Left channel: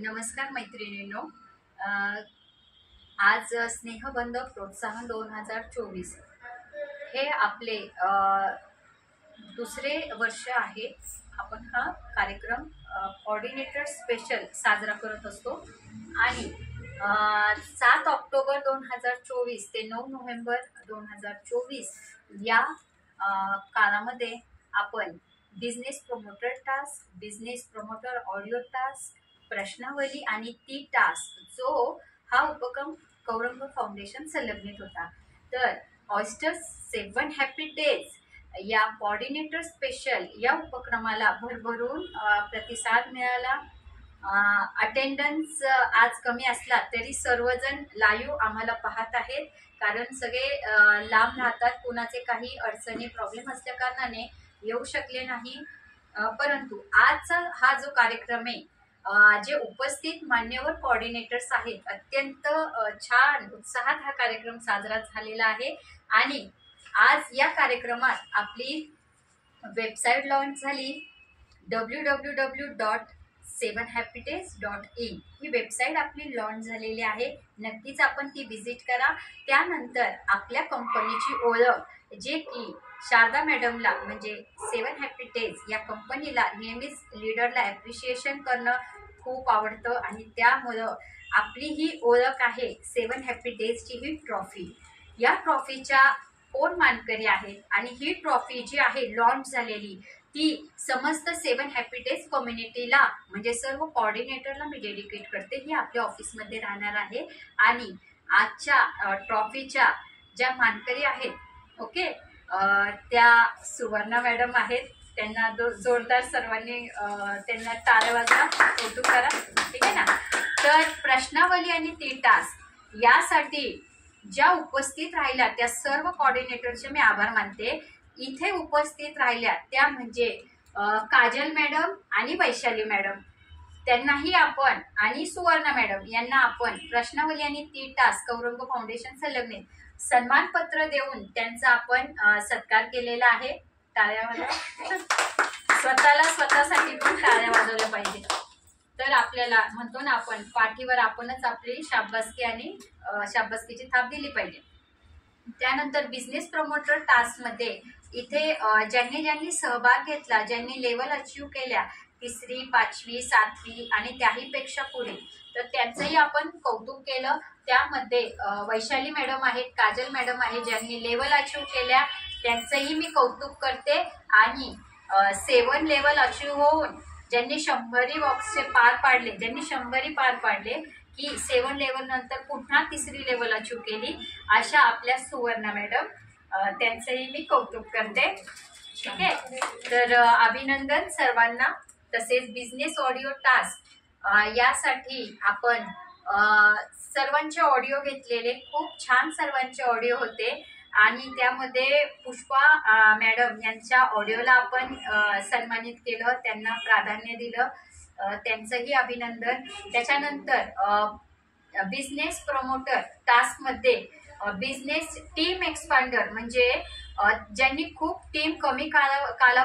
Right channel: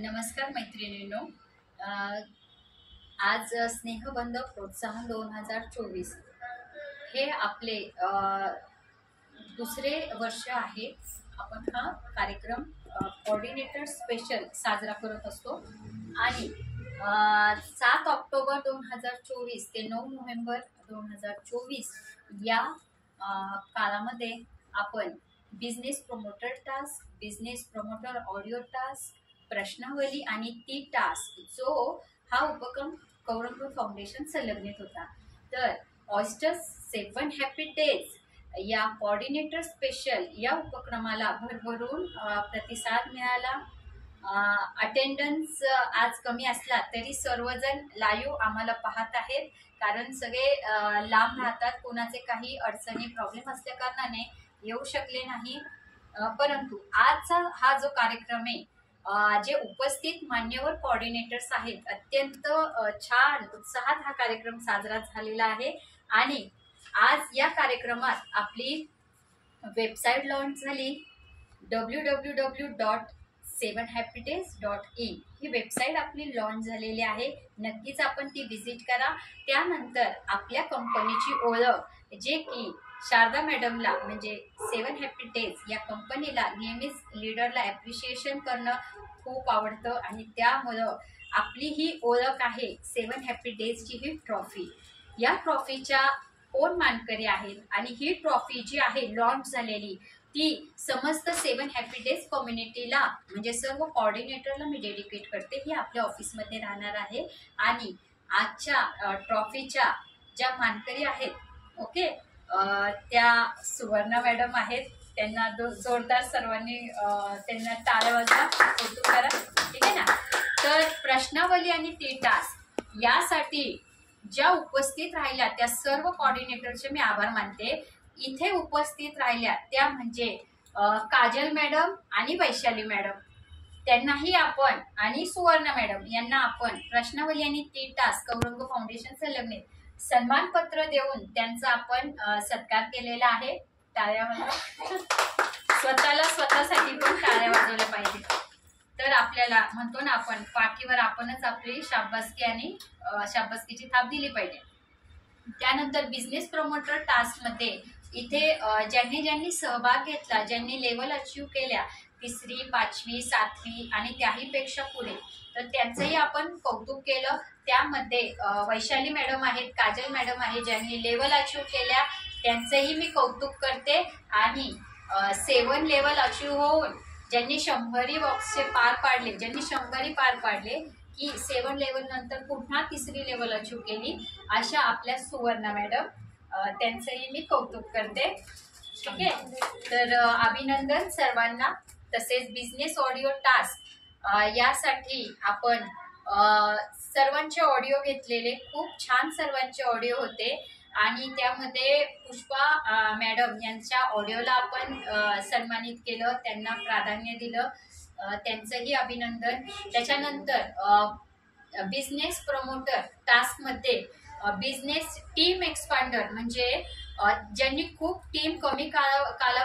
नमस्कार मैत्रिणींनो. आज स्नेहबंध प्रोत्साहन 2024 हे आपले दुसरे वर्ष आहे. आपण हा कार्यक्रम कोऑर्डिनेटर स्पेशल साजरा करत असतो आणि 7 ऑक्टोबर 2024 ते 9 नोव्हेंबर 2024 या काळामध्ये आपण business promoter task, business promoter audio task, प्रश्नावली आणि ती टास्क जो हा उपक्रम कौरंग फाउंडेशन संलग्नित होता. तर ऑयस्टर 7 हॅपी डेज या कोऑर्डिनेटर स्पेशल या उपक्रमाला भरभरून प्रतिसाद मिळाला. अटेंडन्स आज कमी असला तरी सर्वजण लाईव्ह आम्हाला पाहत आहेत, कारण सगळे लांब राहतात. कोणाचे काही अडचणी प्रॉब्लेम असल्या कारणाने येऊ शकले नाही. परंतु आजचा हा जो कार्यक्रम आहे, जे उपस्थित मान्यवर कोऑर्डिनेटर्स आहेत, अत्यंत छान उत्साहात हा कार्यक्रम साजरा झालेला आहे. आणि आज या कार्यक्रमात आपली वेबसाईट लॉन्च झाली. www.7happydays.in ही वेबसाईट आपली लॉन्च झालेली आहे. नक्कीच आपण ती विजिट करा. त्यानंतर आपल्या कंपनीची ओळख, जे की शारदा मॅडमला म्हणजे 7 हॅपी डेज या कंपनीला नेहमीच लीडरला ॲप्रिशिएशन करणं खूप आवडतं आणि त्यामुळं आपली ही ओळख आहे 7 हॅपी डेजची ही ट्रॉफी. या ट्रॉफीच्या कोण मानकरी आहेत आणि ही ट्रॉफी जी आहे लॉन्च झालेली ती समस्त 7 हॅपी डेज कम्युनिटीला म्हणजे सर्व कोऑर्डिनेटरला मी डेडिकेट करते. ही आपल्या ऑफिसमध्ये राहणार आहे आणि आजच्या ट्रॉफीच्या ज्या मानकरी आहेत, ओके, त्या सुवर्णा मॅडम आहेत. त्यांना जोरदार सर्वांनी त्यांना टाळ्या वाजवा, कौतुक करा, ठीक आहे ना. तर प्रश्नावली आणि ती टास्क यासाठी ज्या उपस्थित राहिल्या त्या सर्व कोऑर्डिनेटरचे मी आभार मानते. इथे उपस्थित राहिल्या त्या म्हणजे काजल मॅडम आणि वैशाली मॅडम, त्यांनाही आपण, आणि सुवर्णा मॅडम यांना आपण प्रश्नावली आणि ती टास्क कौरंग फाउंडेशन संलग्नित सन्मानपत्र देऊन त्यांचा आपण सत्कार केलेला आहे. टाळ्या वाजवा. स्वतःसाठी पण टाळ्या वाजवल्या पाहिजे. तर आपल्याला म्हणतो ना आपण, पाठीवर आपणच आपली शाबासकी आणि शाबासकीची थाप दिली पाहिजे. त्यानंतर बिझनेस प्रमोटर टास्क मध्ये इथे ज्यांनी सहभाग घेतला, ज्यांनी लेवल अचीव केल्या 3री, 5वी, 7वी आणि त्याहीपेक्षा पुढे, तर त्यांचंही आपण कौतुक केलं. त्यामध्ये वैशाली मॅडम आहेत, काजल मॅडम आहे, ज्यांनी लेवल अचीव केल्या त्यांचंही मी कौतुक करते. आणि 7 लेवल अचीव होऊन ज्यांनी 100 बॉक्सचे पार पाडले, ज्यांनी 100 पार पाडले की 7 लेवल नंतर पुन्हा 3री लेवल अचीव केली, अशा आपल्या सुवर्णा मॅडम, त्यांचंही मी कौतुक करते. ठीक आहे. तर अभिनंदन सर्वांना. तसेच बिझनेस ऑडिओ टास्क यासाठी आपण सर्वांचे ऑडिओ घेतलेले, खूप छान सर्वांचे ऑडिओ होते आणि त्यामध्ये पुष्पा मॅडम यांच्या ऑडिओला आपण सन्मानित केलं, त्यांना प्राधान्य दिलं, त्यांचंही अभिनंदन. त्याच्यानंतर बिझनेस प्रमोटर टास्कमध्ये बिझनेस टीम एक्सपांडर म्हणजे ज्यांनी खूप टीम कमी काला